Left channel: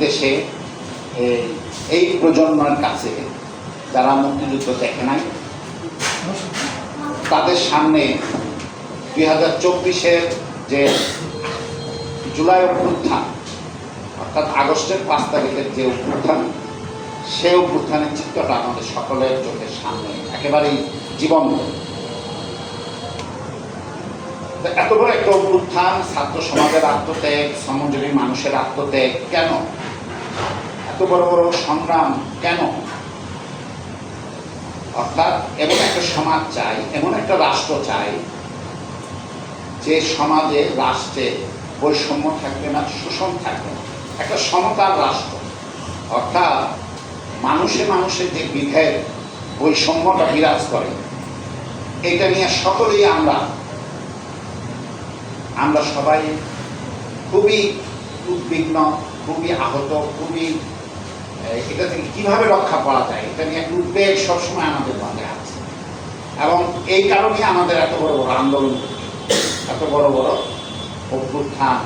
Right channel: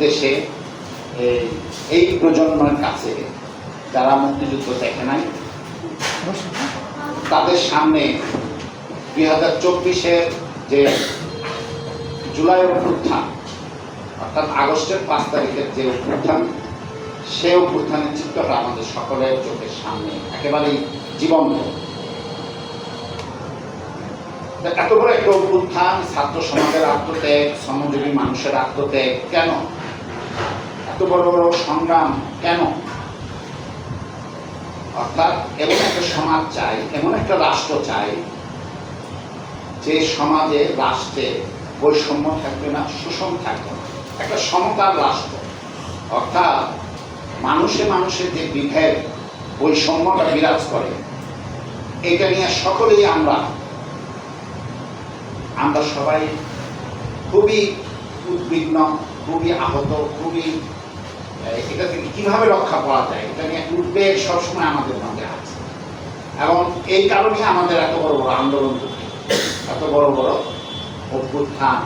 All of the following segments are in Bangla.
দেশে এই- প্রজন্মের কাছে যারা মুক্তিযুদ্ধ দেখে নাই, তাদের সামনে দুই হাজার চব্বিশের যে জুলাই অভ্যুত্থান, অর্থাৎ আগস্টের পাঁচ তারিখের যে অভ্যুত্থান, সে অভ্যুত্থানের চিত্রটা আমাদের সকলের চোখের সামনে একেবারেই জীবন্ত। এত বড় একটা অভ্যুত্থান ছাত্র সমাজের আত্মত্যাগ, শ্রমজীবী মানুষের আত্মত্যাগ, কেন? এত বড় বড় সংগ্রাম কেন? অর্থাৎ এমন একটা সমাজ চাই, এমন একটা রাষ্ট্র চাই, যে সমাজে রাষ্ট্রে বৈষম্য থাকবে না, শোষণ থাকবে না। একটা সমতার রাষ্ট্র। অর্থাৎ মানুষে মানুষের যে বিভেদ, বৈষম্যটা বিরাজ করে, এটা নিয়ে সকলেই আমরা আমরা সবাই খুবই উদ্বিগ্ন খুবই আহত, খুবই এটা থেকে কীভাবে রক্ষা করা যায়, এটা নিয়ে একটা উদ্বেগ সবসময় আমাদের মধ্যে আছে। এবং এই কারণে আমাদের এত বড় বড় আন্দোলন, এত বড় বড় অভ্যুত্থান,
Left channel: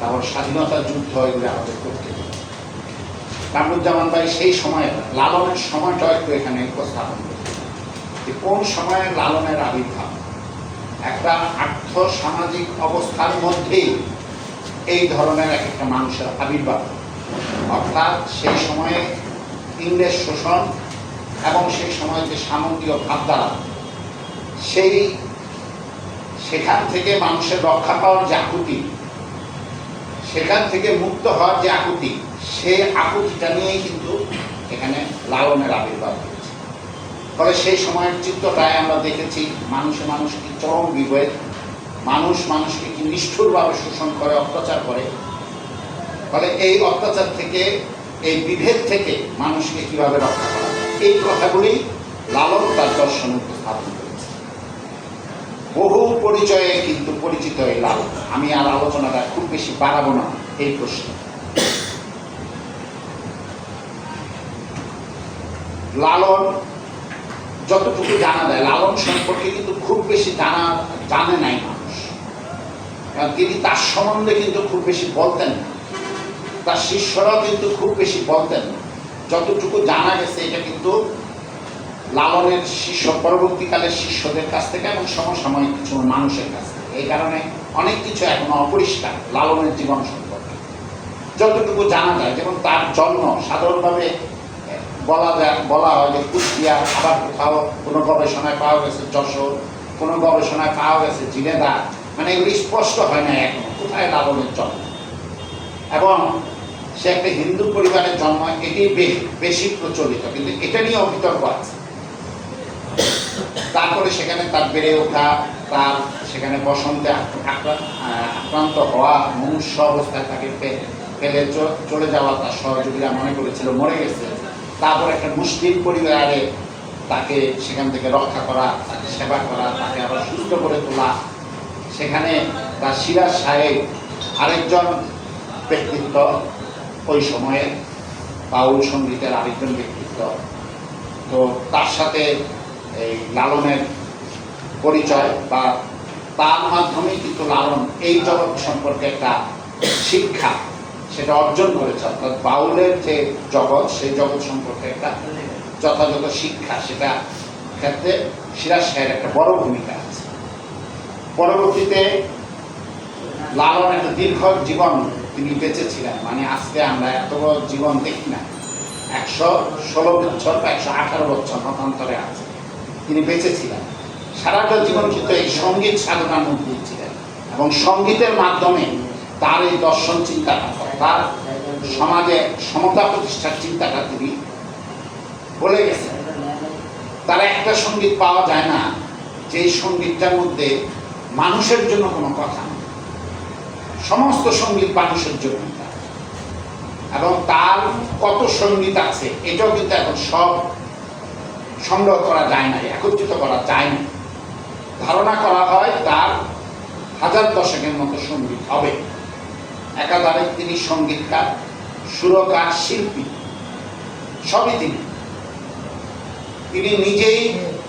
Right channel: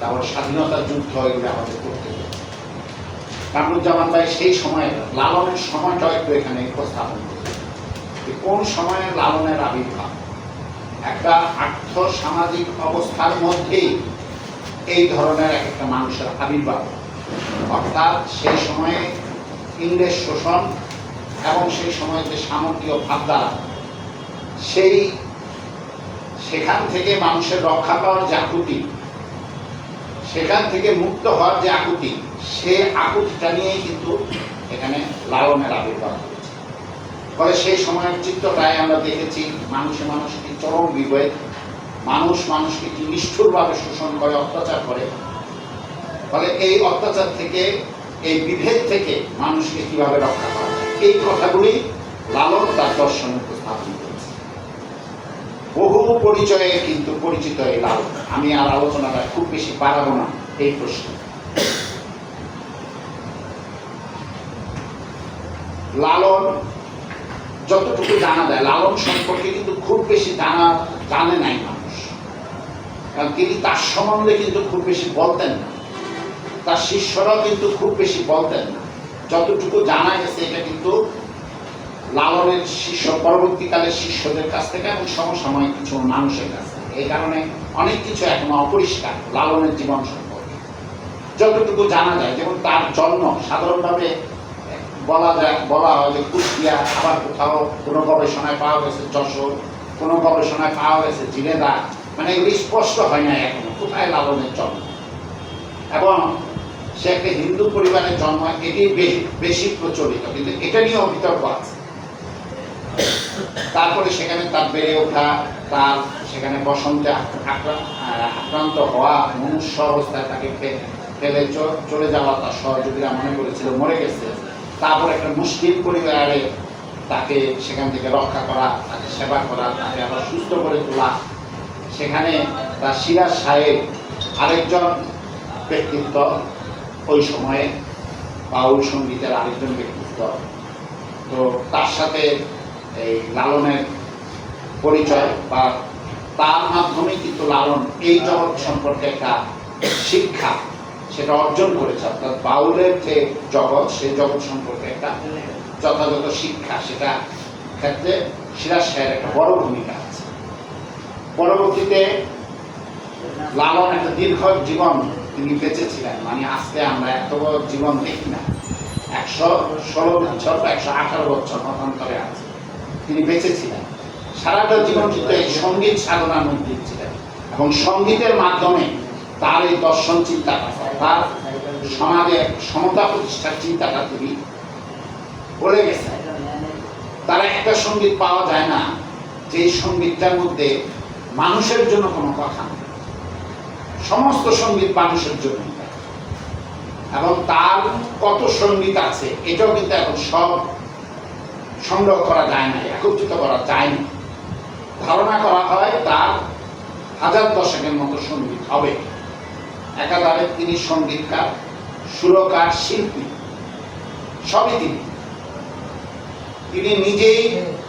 তারপর স্বাধীনতা যুদ্ধ, এগুলো আমাদের করতে কামরুজ্জামান ভাই সেই সময়ের লালনের সময়টাও একটু এখানে উপস্থাপন যে কোন সময়ের লালনের আবির্ভাব? একটা আর্থ সামাজিক অবস্থার মধ্যেই এই ধরনের এক একটা মানুষের আবির্ভাব। অর্থাৎ সেই সময়ে ইংরেজ শোষণ এবং সেই সময়ের যে সামন্তীয় ভাবধারা সেই সেখান থেকে মানুষের রক্ষা পাওয়ার যে আকুতি, সেখান থেকে মুক্ত হওয়ার যে আকুতি, সে আকুতিটা নিয়েই কিন্তু এখানে লালনের আবির্ভাব হয়েছে। ফলে সেই সময়ের চিত্রটায় আমরা দেখেছি মানুষে মানুষকে চরম বিভেদ মানুষ মানুষকে কি নিষ্ঠুরভাবে শোষণ করে, অত্যাচার করে। ফলে এই অত্যাচার থেকে, এই বিভেদ থেকে মানুষকে কীভাবে রক্ষা করা এই কথাগুলি লালন তার দর্শনে উপস্থাপন বহু পরিচয়ে কিন্তু পরিচিত এই লালন। আমি আর আলোচনাটা খুব বেশি বাড়াবো না এই প্রশ্নে। লালন যতটুকু জানা যায়, লালন সম্পর্কে কিন্তু খুব বেশি জানা, জানে নাই মানুষ। কারণ তিনি তার সম্বন্ধে কিন্তু খুব বেশি বলতেন তার শিষ্যরাও কিন্তু খুব বেশি বলতেন যতটুকু জানা গেছে, এটা কিন্তু লালনের শিষ্য পরবর্তীকালে শিষ্যদের কাছ থেকে এবং সমসাময়িক কিছু মানুষের কাছ থেকে। এই কারণে অনেক কিছু এখনও অপরিষ্কার লালনের জীবন সম্পর্কে। যতটুকু জানা যায়, যেমন তার জন্ম, সাধারণভাবে বলা যায়, বলা হয় যে কুষ্টিয়া আবার কোথাও কোনো গবেষণায় পাওয়া গেছে যশোর, কোনো গবেষণায় পাওয়া গেছে জিনেদা মানে এগুলি স্পষ্ট হয় না এখনও। কোথায় লালনের জন্ম? এবং সে একটা হিন্দু পরিবারের জন্ম, এটি বেশি প্রচলিত, কিন্তু এটা নিয়েও বিতর্ক আছে। তারপরে সেখানে তার বেড়ে ওঠা, তার সেখানে বসন্তে আক্রান্ত হওয়া, মনুষ্য অবস্থায় তাকে ফেলে চলে যাওয়া তার সহযোগীরা মনে করেছিল মরে গেছে। তারপর একটা মুসলিম পরিবারে তাকে সেখান থেকে রক্ষা করা, তাকে সেবা করা, তাকে আবার সুস্থ করে তোলা সেখানে তার সিরাজ সাহেব আরেকজন ব্যক্তিত্ব, ওই সময়ে বাউল সঙ্গীতের আরেকজন ব্যক্তিত্ব। তো তার সাথে এই লালনের পরিচয় বা তার মাধ্যমে কিন্তু লালন এই জগৎ সম্পর্কে একটা শিক্ষা সেটা অর্জন করেছে। অর্থাৎ বাউলের যে জগৎ, সেই জগৎ সম্পর্কে একটা যথাযথ শিক্ষা, সেটা ক্ষেত্রে সিরাজ সাহের একটা বড় ভূমিকা। পরবর্তীতে লালন একটা দীর্ঘ জীবন তিনি বেঁচেছিলেন। মানে আজকে আমরা এত জীবন দেখি না। একশো ষোলো বছর বা একশো আঠারো বছর মতান্তরে আছে। তিনি বেঁচেছিলেন। সারাটা জীবন কিন্তু এই সংগীত সাধনার মধ্যে ছিলেন। এবং সঙ্গীতের মাধ্যমে তার এই দর্শন চিন্তাটা, তার সমাজে সমতা প্রতিষ্ঠার চিন্তাটা তিনি বলে গেছেন। তারা একটা সংগীত পাওয়া যায় না। যে সঙ্গীতটার মধ্যে মানুষের জন্য কোনো কথা নেই সমস্ত সংগীত মানুষের জন্য। এবং তার কত সংগীত আছে, এটাও কিন্তু এখন সব সংগ্রহ করা যায় না একত্রিত করা যায় না ধারণা করা হয় তার হাজার দশকের মতো সংগীত হবে। একাধারে তিনি সঙ্গীতকার, সুরকার, শিল্পী, সবই তিনি। তিনি নিজেই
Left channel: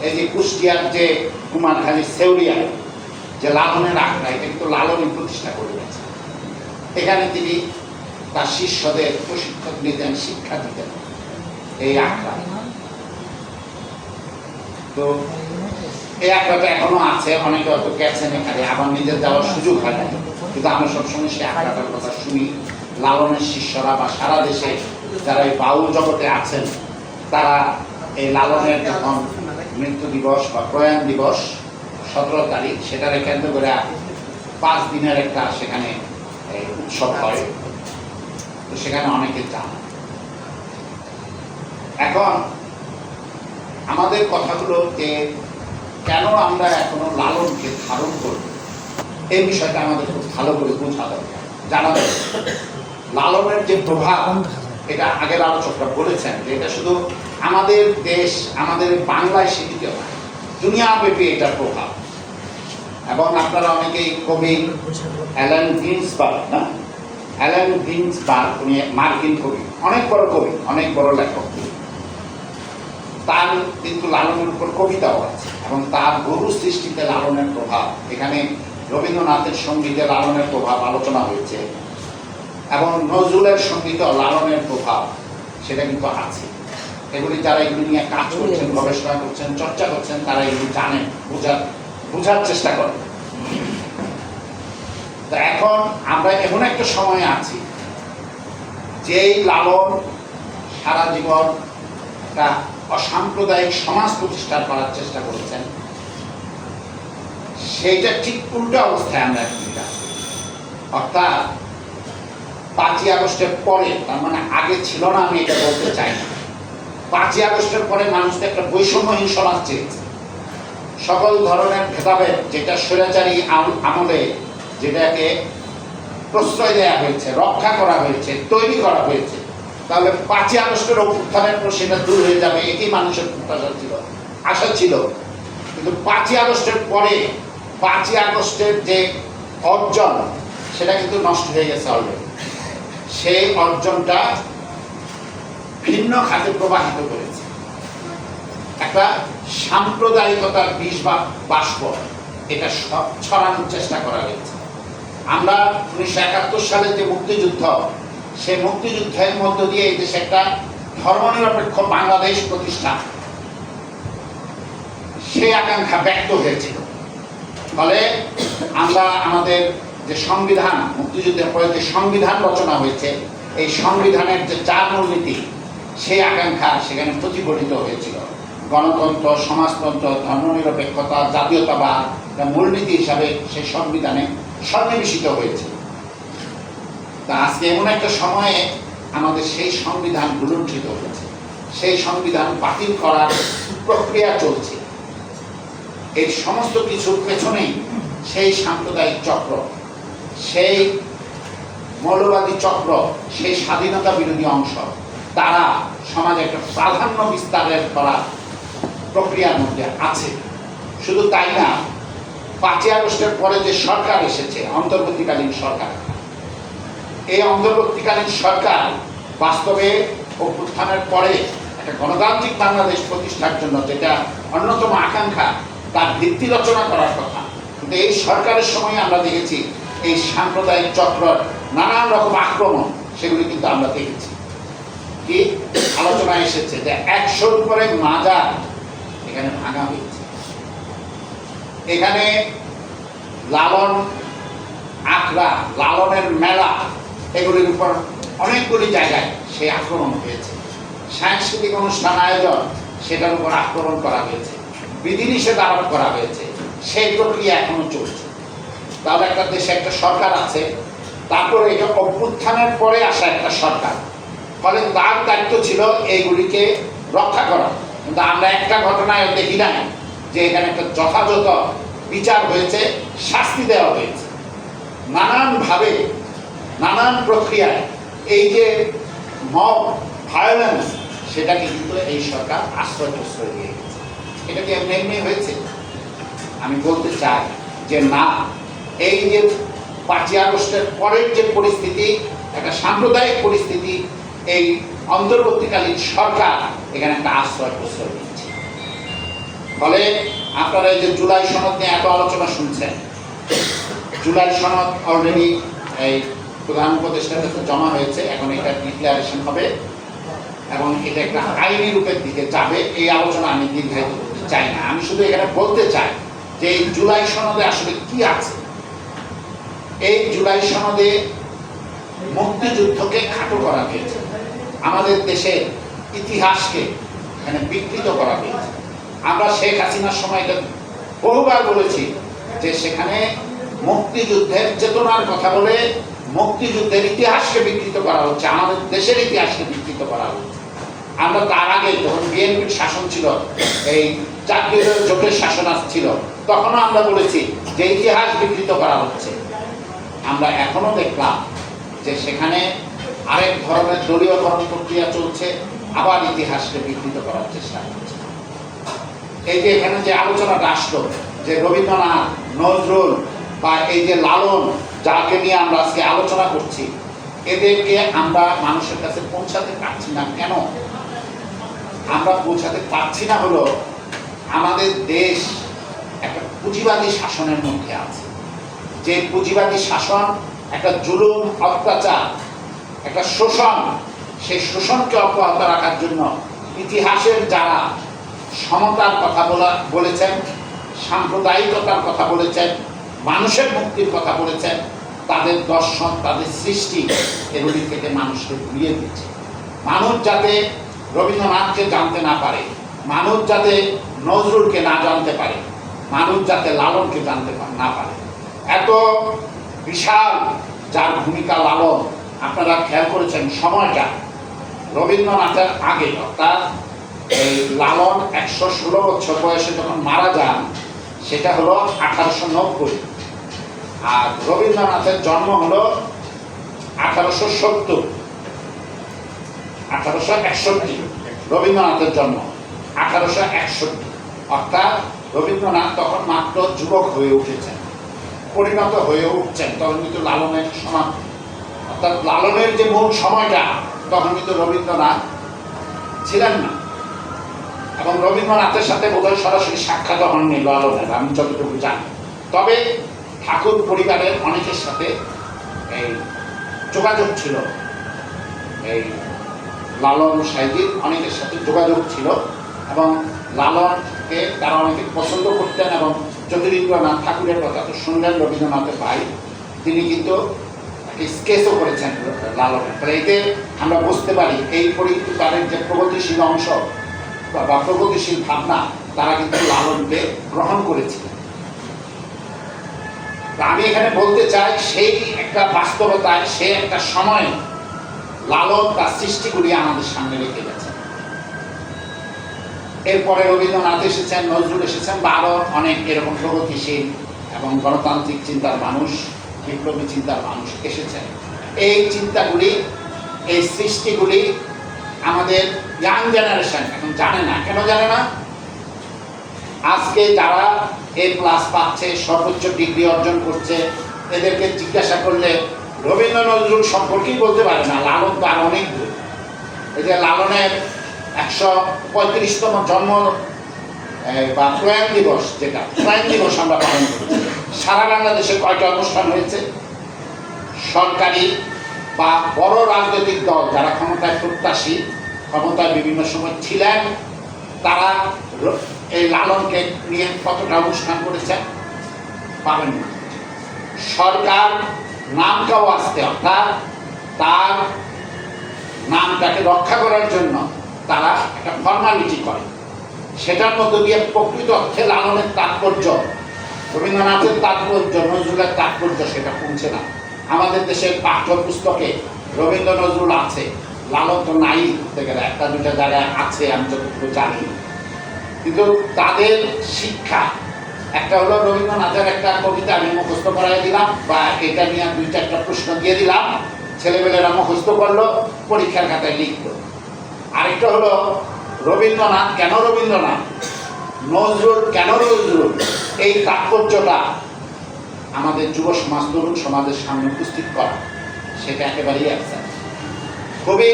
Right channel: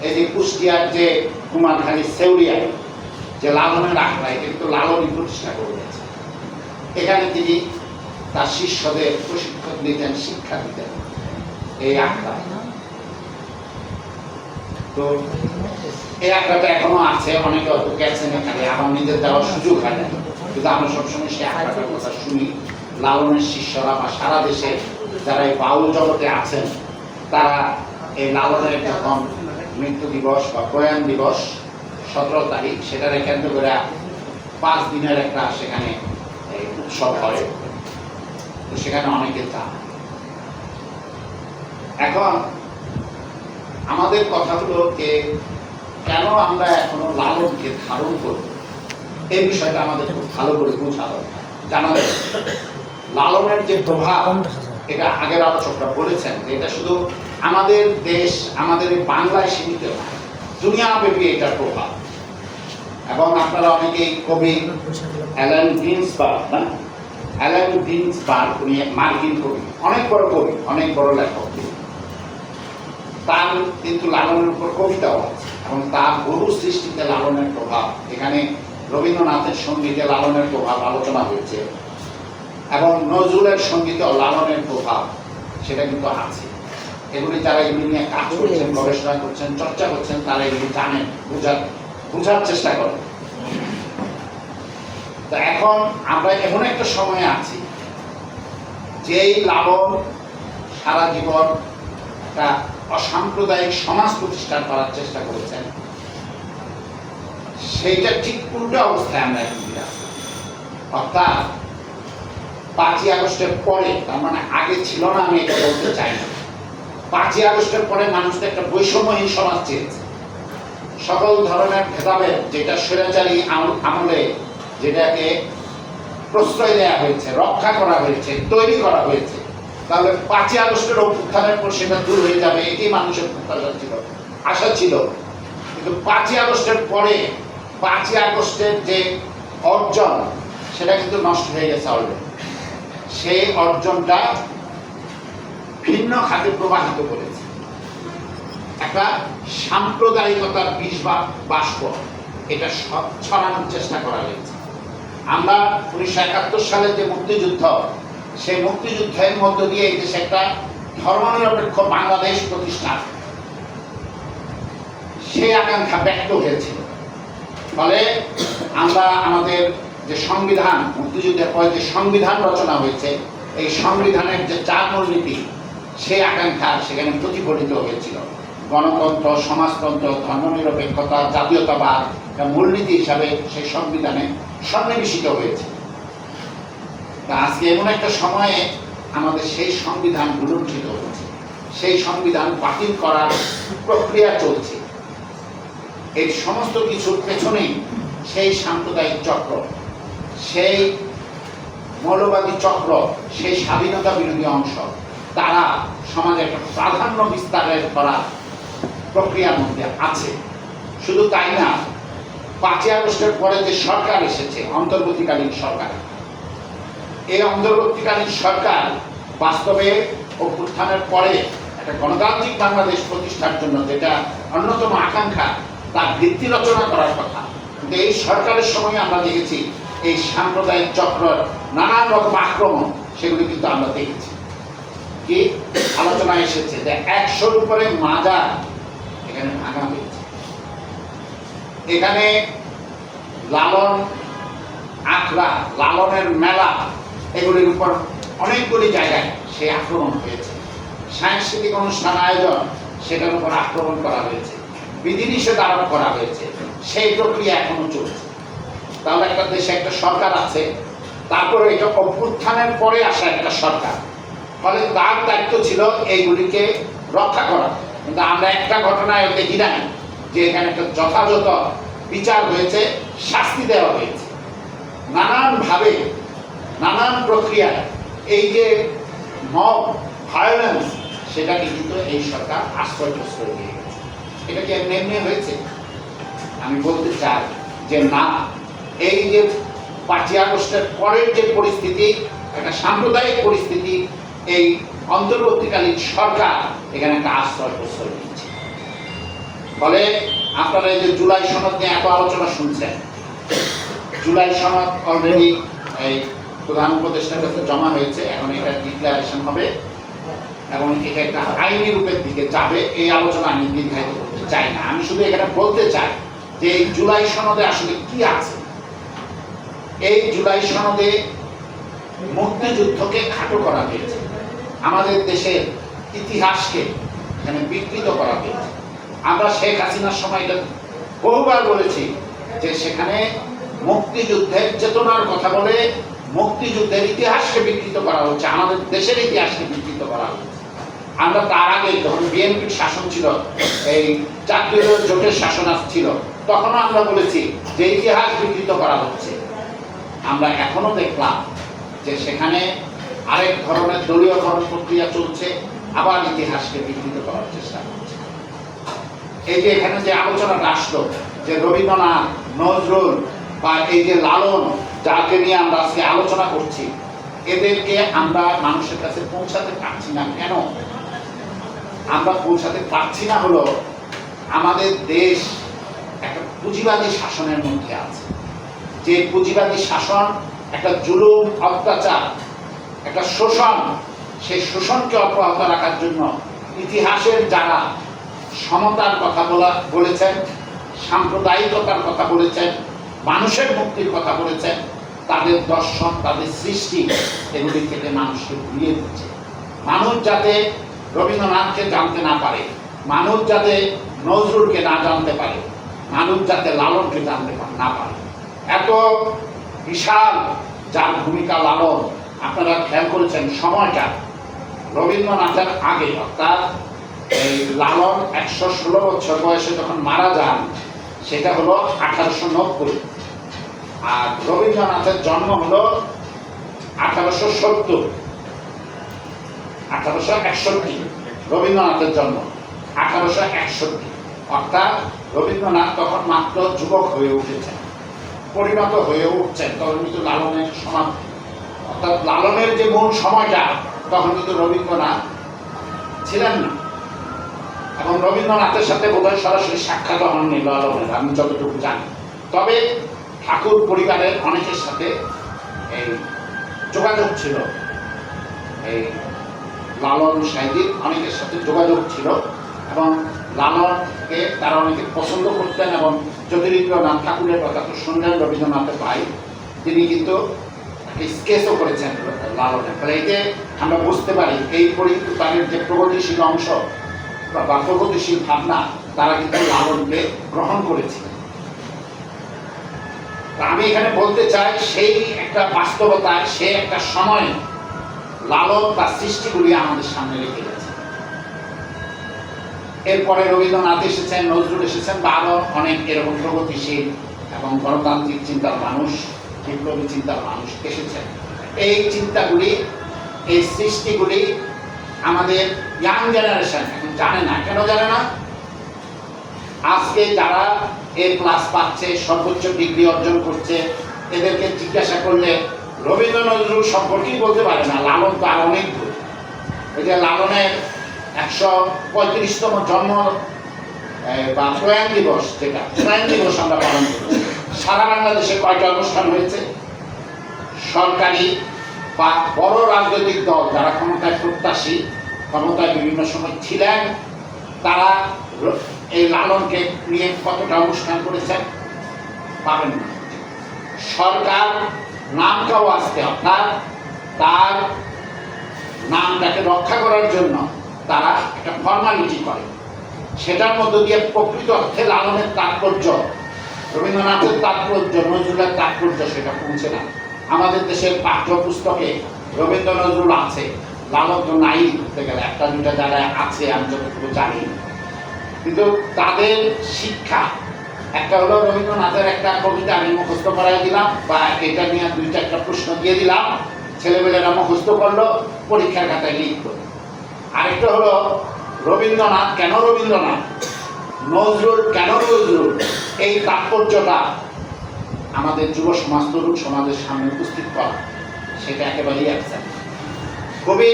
এই যে কুষ্টিয়ার যে কুমারখালী সেউরিয়া যে লালনের আখড়া এটা কিন্তু লালনই প্রতিষ্ঠা করে গেছে। এখানে তিনি তার শিষ্যদের প্রশিক্ষণ দিতেন শিক্ষা দিতেন এই আখড়া তো এই আখড়াটা এখনও আছে, অনেকে হয়তো গেছেন এখানে, আবার নিজের যাওয়ার সুযোগ হয় কিন্তু আমরা সবসময় সেই আখড়াটার কথা শুনি, লালনের শিষ্যরা বা সারা দেশে যারা এই বাউল জগতে আছেন, তারা এই লালনের যখন মৃত্যু দিবস বা প্রয়াণ দিবস সতেরো তারিখ সেটারে কেন্দ্র করে পাঁচ দিনের একটা সেখানে উৎসব হয়। তো সেখানে অনেকে যান এখন আমাদের কথাগুলো যে কেন আমরা এখনও লালনকে ধারণ করব? এই বিষয়টা আমাদের খুব ভালো করে বোঝা দরকার। জানা লালনের যে প্রভাব, এটা আগের আলোচকরা বলেছেন যে এটা শুধু আমাদের দেশ, আমাদের বাংলায় সীমিত নয়, দুনিয়াব্যাপী এটার প্রভাব। এবং আপনারা অনেকেই কবি অ্যালান গ্রিন্সবার্গ না? অ্যালান গ্রিন্সবার্গ উনি মার্কিন কবি, অনেক বড় কবি, অনেক বড় লেখক। তার কিন্তু লালনের উপর কবিতাও আছে এবং তার গরু সৃষ্টিতে লালনের প্রভাব। এখানে রবীন্দ্রনাথের সঙ্গীতে লালনের প্রভাব আলোচনা হয়েছে এবং নজরুলের সঙ্গীতে লালনের প্রভাব, সেটা কিন্তু আছে। এগুলি যারা এগুলি নিয়ে কাজ করছেন, গবেষণা করছেন, চর্চা করছেন, তারা এগুলি জানেন, বোঝার বোঝার চেষ্টা করেন তো এখন আমরা এমন একটা সময়ে আছি, যেই লালন সারা জীবন একটা অসাম্প্রদায়িক সমাজ প্রতিষ্ঠা করার চেষ্টা করেছেন। সেইটা ঠিক উল্টো অবস্থায় আমরা এখন অর্থাৎ পাঁচই আগস্টের পরে, তার মানে আগে ছিল না, আমি এটা বলতে চাই না। পাঁচই আগস্টের পরে মানুষ একটা বৈষম্যহীন সমাজ চেয়েছে। সকল ধরনের ভেদাভেদ যেটা স্বৈরাচারী আম- আমলে যেটাকে প্রশ্রয় দেওয়া হয়েছে, রক্ষা করা হয়েছে, তৈরি করা হয়েছে, তাহলে পাঁচই আগস্টের অভ্যুত্থানের পর সেটা দূর হয়ে যাবে এটাই মানুষের প্রত্যাশা ছিল, আশা ছিল। কিন্তু পাঁচই আগস্টের পরে, পাঁচই আগস্টের যে অর্জন, সেটা কিন্তু নষ্ট হয়ে গেছে অলরেডি সেই অর্জনটা ভিন্ন খাতে প্রবাহিত করেছে। একটা সাম্প্রদায়িকতার বিষ বা বাষ্প। এটা ছড়ানোর চেষ্টা করা হয়েছে। আমরা উনিশশো একাত্তর সালে যে মুক্তিযুদ্ধ, সেই মুক্তিযুদ্ধের মধ্য দিয়ে এই দেশে একটা ধর্মনিরপেক্ষ বাংলাদেশ প্রতিষ্ঠা। সেই আকাঙ্ক্ষা ব্যক্ত হয়েছিল ফলে আমরা আমাদের যে সংবিধান, মুক্তিযুদ্ধের পরে যে সংবিধান রচনা হয়েছে, এই সংবিধানের যে চার মূলনীতি, সেই আকাঙ্ক্ষা সেখানে প্রতিফলিত হয়েছিল। গণতন্ত্র, সমাজতন্ত্র, ধর্মনিরপেক্ষতা, জাতীয়তাবাদ মূলনীতি হিসাবে সেই সংবিধানে সন্নিবেশিত হয়েছে। তা আজকে এমন একটা সময়ে আমাদের সেই সংবিধান গুলুণ্ঠিত হয়েছে। সেই সংবিধান বাতিল করার প্রক্রিয়া চলছে। এই সমস্ত কিছুর পেছনেই সেই সাম্প্রদায়িক চক্র, সেই মৌলবাদী চক্র, সেই স্বাধীনতা বিরোধী অংশ, তারা সমাজে একটা প্রাধান্য বিস্তারের করা প্রক্রিয়ার মধ্যে আছে। শুধু তাই না, পাঁচই আগস্টের পরে যে সরকার এসেছে, অন্তর্বর্তীকালীন সরকার, এই অন্তর্বর্তীকালীন সরকার বাস্তবে অভ্যুত্থানের পরে একটা গণতান্ত্রিক বাংলাদেশ প্রতিষ্ঠার জন্য যেটা অন্যতম আকাঙ্ক্ষা, তার ভিত্তি রচনা করার কথা। কিন্তু এই সরকারের সময় আমরা দেখেছি, এই সাম্প্রদায়িক চক্র, নানান রকম আক্রমণ, সেগুলো কিন্তু আমরা দেখেছি। কি? আলোচনায় এসেছে যে একশোর উপরে মাজার এখানে ভাঙা হয়েছে। এখানে লালন আখড়া, লালনের মেলা, এগুলির উপর অনেকগুলি জায়গায় সেই আক্রমণ হয়েছে। সাংস্কৃতিক অনুষ্ঠান আয়োজন সেটার উপর আক্রমণ করা হয়েছে। বিধিনিষেধ আরোপ করা হয়েছে। সেই প্রক্রিয়া এখনও চলছে। তাহলে একটা দেশে একটা সরকার আছে, তারপরে এটা অভ্যুত্থানের পরে আসা একটা সরকার। ফলে তার দায়িত্ব ছিল এইগুলিকে রক্ষা করা। কিন্তু আমরা একটা ঘটনায় দেখি নাই যে এখানে একটা যথাযথ বিচার হয়েছে, শাস্তি দেওয়া হয়েছে। নানানভাবে, নানান প্রক্রিয়ায় এই যে মব ভায়োলেন্স সেটাকে কিন্তু এই সরকার আশ্রয় প্রশ্রয় দিয়ে গেছে। এটা কি এমনি এমনি হয়েছে? আমি বলতে চাই যে না, এই যে পাঁচই আগস্টের পরের যে পরিস্থিতি, একটা সাম্প্রদায়িক পরিস্থিতি, এই অন্তর্বর্তীকালীন সরকার এখানে একটা আশ্রয় প্রশ্রয় দিচ্ছে। ফলে আপনারা এই যে জুলাই সনদ নিয়ে এত আলোচনা শুনছেন, জুলাই সনদ অলরেডি এই প্রধান উপদেষ্টার কাছে জমা হয়েছে, এখন এটা ডিক্লারেশন হবে এবং এটা একটা আইনি রূপের দিকে যাবে, এই আলোচনা আমি দীর্ঘায়িত করতে চাই না। আমি শুধু এখানে বলতে চাই যে এই জুলাই সনদে আসলে কি আছে? এই জুলাই সনদে মুক্তিযুদ্ধকে খাটো করা হয়েছে। আমাদের দেশের ইতিহাসকে এখানে বিকৃত করা হয়েছে। আমরা শেখ হাসিনার সময় বহুবার বলেছি যে সেখানে মুক্তিযুদ্ধের চেতনার কথা বলে মুক্তিযুদ্ধের ইতিহাসকে বিকৃত করা হচ্ছে, আমাদের দেশের ইতিহাসকে বিকৃত করা হচ্ছে। আমরা তার আগে যখন বিএনপির শাসন ছিল, এই জাতীয় জোটের শাসন ছিল, তখনও আমরা বলেছি যে ইতিহাস বিকৃত করা হচ্ছে। আমরা এখনও দেখলাম যে সেখানে আরেক ধরনের দলীয়করণ প্রক্রিয়া চলছে আবার ইতিহাসকে বিকৃত করার চেষ্টা করছে। এই যে এখানে যে আলোচনাটা আসলো যে রবীন্দ্রনাথ, নজরুল বা এই যে লালন, যাকে নিয়ে আমরা আজকে আলোচনা করছি, এদেরকে আমরা মানুষের কাছে পৌঁছাতে পারছি না। কেন? আমরা পৌঁছাতে পারছি না হলো আমাদের দেশ একটা পুঁজিবাদী শাসনের মধ্যে আছে। যে পুঁজিবাদী শাসন, একটা জুলুম, অত্যাচার, একটা শোষণ সেই শোষণকে অব্যাহত রাখার জন্য ইতিহাসের যারা সমতার কথা বলা, বলেছেন, সাম্প্রদায়িকতার কথা বলেছেন, মানুষের মুক্তির কথা বলেছেন, তাদের দর্শন, তাদের সৃষ্টি এগুলি থেকে মানুষকে ঘুরিয়ে দিচ্ছে। মানুষ যাতে রবীন্দ্রনাথকে জানতে না পারে, মানুষ যাতে নজরুলকে না জানতে পারে, মানুষ যাতে লালনকে জানতে না পারে। এত বিশাল যার ভূমিকা লালন, আপনারা খেয়াল করেছেন সময়টা রবীন্দ্রনাথের আগে, অর্থাৎ এই লালন একশো ষোলো বছর বয়সে যখন মারা যান, সেটা হলো আঠারোশো নব্বই। আর রবীন্দ্রনাথের জন্ম হলো আঠারোশো সত্তর। আঠারোশো একষট্টি রবীন্দ্রনাথের জন্ম, আঠারোশো একষট্টি। অর্থাৎ রবীন্দ্রনাথ তখন মাত্র যুবক হয়ে উঠেছেন, পরিণত হয়ে উঠছেন, তখন কিন্তু লালনের সমান অর্থাৎ লালনের যে মূল সময়টা তখন কিন্তু রবীন্দ্রনাথ ছিলেন না। এবং রবীন্দ্রনাথের সাথে বোধহয় সরাসরি সাক্ষাৎ হননি লালনের আমি যতটুকু জানি। তবে ঠাকুর পরিবারের অনেকের সাথে এই যোগাযোগ ছিল। এই লালন সাহিত্যিক অনেকের সাথে যোগাযোগ ছিল। এবং লালনকে তারা অনেকে পছন্দ করতেন এবং জ্যোতিরিন্দ্রনাথ ঠাকুরের কথা তো শুনলেন রবীন্দ্রনাথের ভাই। তিনি কিন্তু স্কেচও করেছেন লালনের ফলে এতে আমরা বুঝতে পারি এই পরিবারের যে প্রগতিশীল অংশ বা- প্রগতিশীল ভাবনা, তারা কিন্তু লালনকে গ্রহণ করেছিলেন আমি এখানে বলতে চাই, সেই একটা বাস্তবতায়, সে একটা সময় লালন তার সৃষ্টিগুলি আমাদের সামনে রেখে গেছেন এরপরে রবীন্দ্রনাথ এসেছেন, নজরুল এসেছেন, বা আরও অনেক এরকম প্রগতিশীল এবং গণতান্ত্রিক চিন্তার মানুষ। বিপ্লবী চিন্তার মানুষ এসেছেন। এই চিন্তাগুলি, এই সৃষ্টিগুলি আমাদের ইয়াং জেনারেশন এখন জানে না, কেন জানে না? আজকে যারা এ প্লাস পাচ্ছে, সর্বোচ্চ ডিগ্রি অর্জন করছে, এদেরকে জিজ্ঞাসা করলে রবীন্দ্র নজরুল সম্পর্কেই বলতে পারে না, লালন তো আর অনেক দূর। এই যে লালনের একশো পঁয়ত্রিশতম জন্ম বা প্রয়াণ দিবস যেটা প্রয়াণ দিবস আমরা পালন করছি। সারা বাংলাদেশে কয়টা অনুষ্ঠান হয়েছে? সরকারি বা বড় রাজনৈতিক দল যারা ক্ষমতায় প্রত্যাশী, ক্ষমতায় বিভিন্ন সময় ছিলেন, তারা এই লালনকে নিয়ে কতটা অনুষ্ঠান করেছেন পাবেন না। সরকার নামটাও আসতে অর্থাৎ তার নামটাকে রক্ষা করার জন্য তারা একটা ফর্মালিটি করে। সেটার মধ্য দিয়ে প্রকৃত অর্থে লালনের তাৎপর্য রবীন্দ্রনাথের তাৎপর্য, নজরুলের তাৎপর্য সেটা পৌঁছে না। আমাদের দেশের পাঠ্যপুস্তকে রবীন্দ্র নজরুল আছে লালন তো নাই ধরতে গেলে, একটা দুইটা জায়গায় আছে, আমি যতটুকু জানি। কিন্তু তাদের শিক্ষা, একটা হলো রবীন্দ্রনাথের একটা কবিতা আমি মুখস্থ করাই দিলাম, বা এটা নিয়ে দুই চারটা প্রশ্ন দিয়ে দিলাম, ছেলেমেয়েরা মুখস্থ করল, পরীক্ষার খাতায় লিখলো। আরেকটা হলো, রবীন্দ্রনাথ কেন রবীন্দ্রনাথ? নজরুল কেন নজরুল? এই তাৎপর্যটা আমাদের যুব সমাজ তরুণ সমাজের সামনে উপস্থিত করা, সেটা একেবারেই একসাথে কবি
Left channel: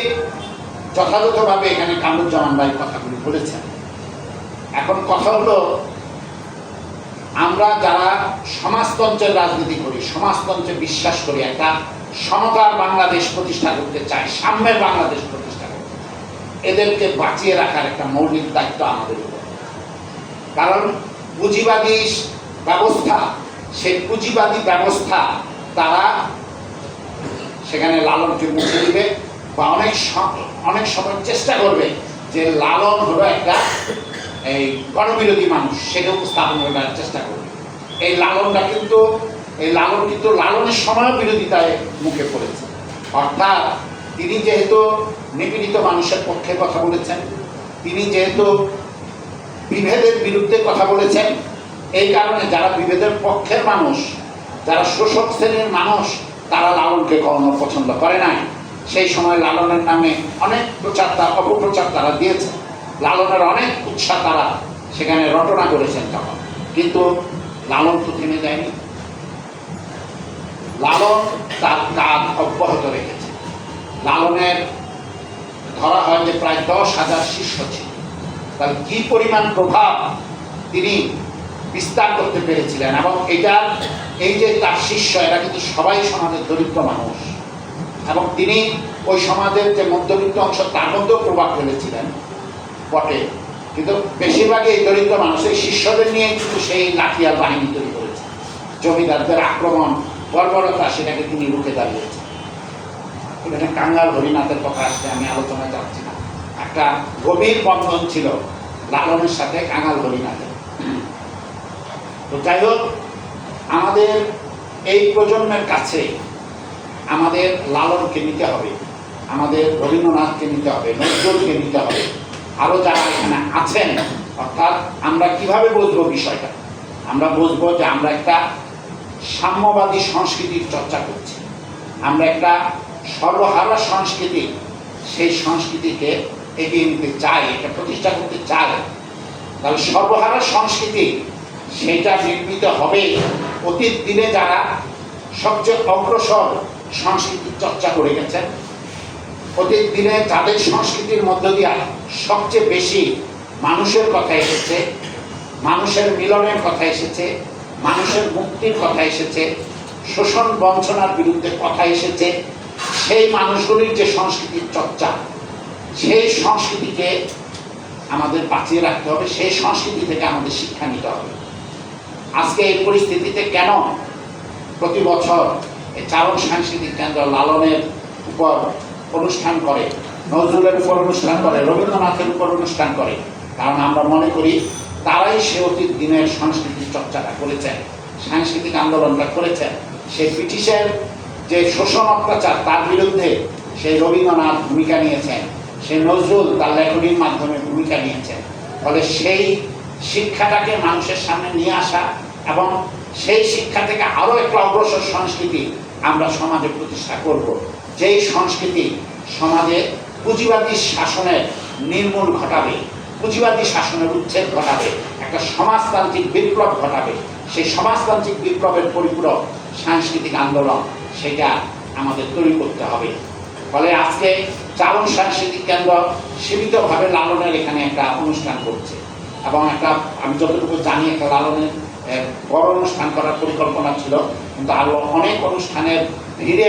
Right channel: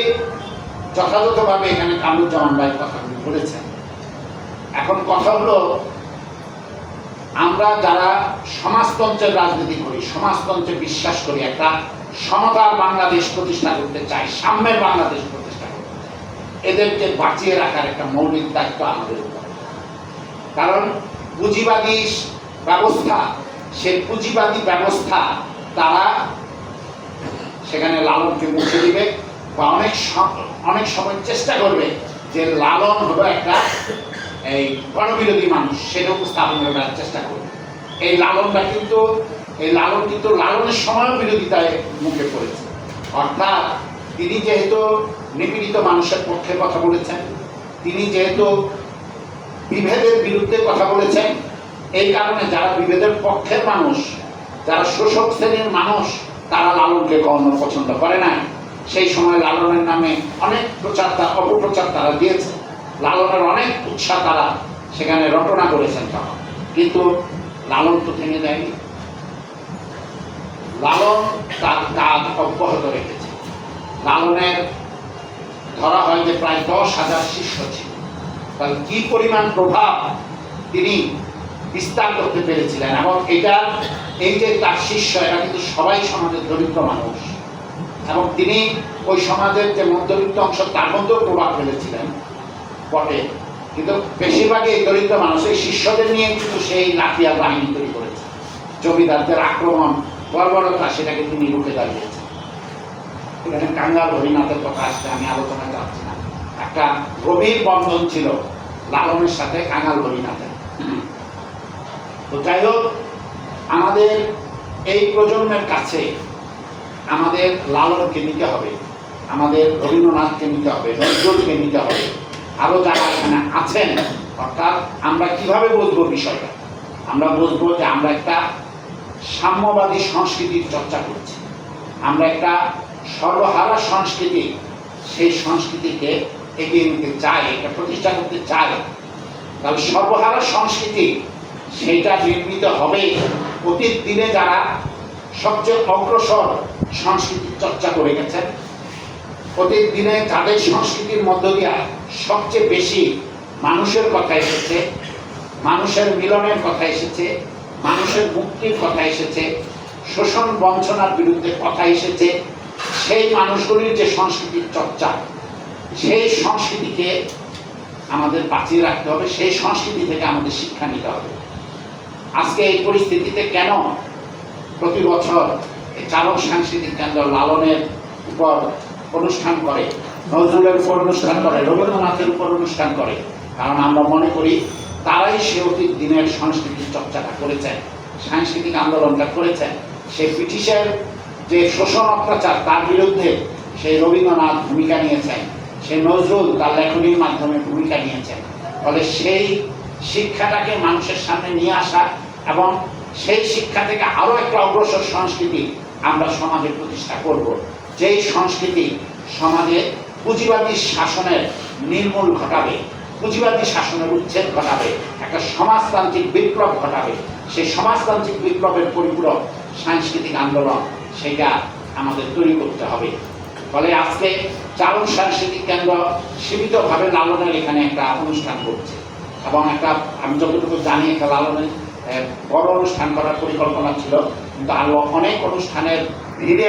যথাযথভাবে এখানে কামরুজ্জামান ভাই কথাগুলি বলেছেন। এখন কথা হলো, আমরা যারা সমাজতন্ত্রের রাজনীতি করি, সমাজতন্ত্রে বিশ্বাস করি, একটা সমতার বাংলাদেশ প্রতিষ্ঠা করতে চাই, সাম্যের বাংলাদেশ প্রতিষ্ঠা করতে চায় এদেরকে বাঁচিয়ে রাখার একটা মৌলিক দায়িত্ব আমাদের উপর। কারণ পুঁজিবাদী ব্যবস্থা, সেই পুঁজিবাদী ব্যবস্থা তারা সেখানে লালনকে মুছে দিবে বা অনেক অনেক সময় চেষ্টা করবে যে লালন হলো একটা এই গণবিরোধী মানুষ, সেটা উপস্থাপন করার চেষ্টা করবে। এই লালনটা কিন্তু, এই লালন কিন্তু লালনের সময় বিরোধিতায় মুখে পড়েছে। অর্থাৎ তিনি যেহেতু নিপীড়িত মানুষের পক্ষে কথা বলেছেন, তিনি যেহেতু বিভেদের বিরুদ্ধে কথা বলেছেন। এই কারণে যারা বিভেদের পক্ষের মানুষ, যারা শোষক শ্রেণির মানুষ, তারা লালনকে কখনো পছন্দ করে নাই। সেই সময় লালনের নামে অনেক প্রচার অপপ্রচার তারা দিয়েছে। লালনের অনেক উৎসাহ তারা সেখানে রটনা করেছেন তখন। কিন্তু লালন তো থেমে যায়নি। লালন তার কাজ অব্যাহত রেখেছে। লালনের ধরা হয় যে প্রায় দশ হাজার শিষ্য ছিল। তার কি পরিমাণ প্রভাব তিনি বিস্তার করতে পেরেছিলেন এবং এটা, এই যে তার শিষ্য, এরা কিন্তু সবাই সমাজের দরিদ্র মানুষ। এবং তিনি ওই সমাজের যে মধ্যবিত্ত অংশ, তার মধ্যেও প্রভাব ফেলেছিলেন। বটে। কিন্তু বেশিরভাগই এই দরিদ্র মানুষ এই শিষ্যদের নিয়ে কিন্তু সেই লাঠিয়ার বাহিনী তৈরি করেছে। জমিদারদের আক্রমণ, বর্বরতা, সেটাকে তিনি রুখে দাঁড়িয়েছেন। কাঙ্গাল হরিনাথের কথা আসলে আমি আলোচনা যাচ্ছি না। একটা গভীর বন্ধন ছিল, লালনের সাথে কাঙ্গাল হরিনাথের তো যাই হোক, আমাদের এই প্রজন্মের কাছে আমাদের লালনকে নিতে হবে, আমাদের রবীন্দ্রনাথকে নিতে হবে, নজরুলকে নিতে হবে। আরও যারা এখানে আছেন, অর্থাৎ আমরা কীভাবে বুঝব বিষয়টা? আমরা বুঝব যে আমরা একটা সাম্যবাদী সংস্কৃতির চর্চা করছি। আমরা একটা সর্বহারা সংস্কৃতি, সেই সংস্কৃতিকে এগিয়ে নিতে চায়, এটা প্রতিষ্ঠা করতে চায়, তাহলে সর্বহারা সংস্কৃতি সেটা নির্মিত হবে। অতীত দিনে যারা সবচেয়ে অগ্রসর সংস্কৃতির চর্চা করে গেছেন, অতীত দিনে তাদের সংস্কৃতির মধ্য দিয়া সবচেয়ে বেশি মানুষের কথা এসেছে, মানুষের মিলনের কথা এসেছে, মানুষের মুক্তির কথা এসেছে, শোষণ বঞ্চনার বিরুদ্ধে কথা এসেছে, সেই মানুষগুলির যে সংস্কৃতির চর্চা সেই সংস্কৃতিকে আমাদের বাঁচিয়ে রাখতে হবে, সেই সংস্কৃতি থেকে আমাদের শিক্ষা নিতে হবে। আজকে এই পরিস্থিতিতে কেন প্রতি বছর চারণ সাংস্কৃতিক কেন্দ্র লালনের উপর অনুষ্ঠান করে, নজরুলের উপর অনুষ্ঠান করে, রবীন্দ্রনাথের উপর অনুষ্ঠান করে? কারণ আমরা মনে করি, তারাই সে অতীত দিনের সংস্কৃতির চর্চাটা করেছেন সাংস্কৃতিক আন্দোলনটা করেছেন সেই ব্রিটিশের যে শোষণ অত্যাচার, তার বিরুদ্ধে সেই রবীন্দ্রনাথ ভূমিকা নিয়েছেন। সেই নজরুল তার লেখনীর মাধ্যমে ভূমিকা নিয়েছেন। ফলে সেই শিক্ষাটাকে মানুষের সামনে নিয়ে আসা এবং সেই শিক্ষা থেকে আরও একটা অগ্রসর সংস্কৃতি আমরা সমাজে প্রতিষ্ঠা করব। যেই সংস্কৃতি সমাজে পুঁজিবাদী শাসনের নির্মূল ঘটাবে, পুঁজিবাদী শাসনের উচ্ছেদ ঘটাবে, একটা সমাজতান্ত্রিক বিপ্লব ঘটাবে, সেই সমাজতান্ত্রিক বিপ্লবের পরিপূরক সাংস্কৃতিক আন্দোলন সেটা আমাদের তৈরি করতে হবে। ফলে আজকে চারণ সাংস্কৃতিক কেন্দ্র সীমিতভাবে লালনের এখানে একটা অনুষ্ঠান করছে। এবং একটা, আমি যতটুকু জানি, একটা লালনের বড় অনুষ্ঠান করার পরিকল্পনা ছিল। কিন্তু আরও অনেক অনুষ্ঠানের ভিড়ে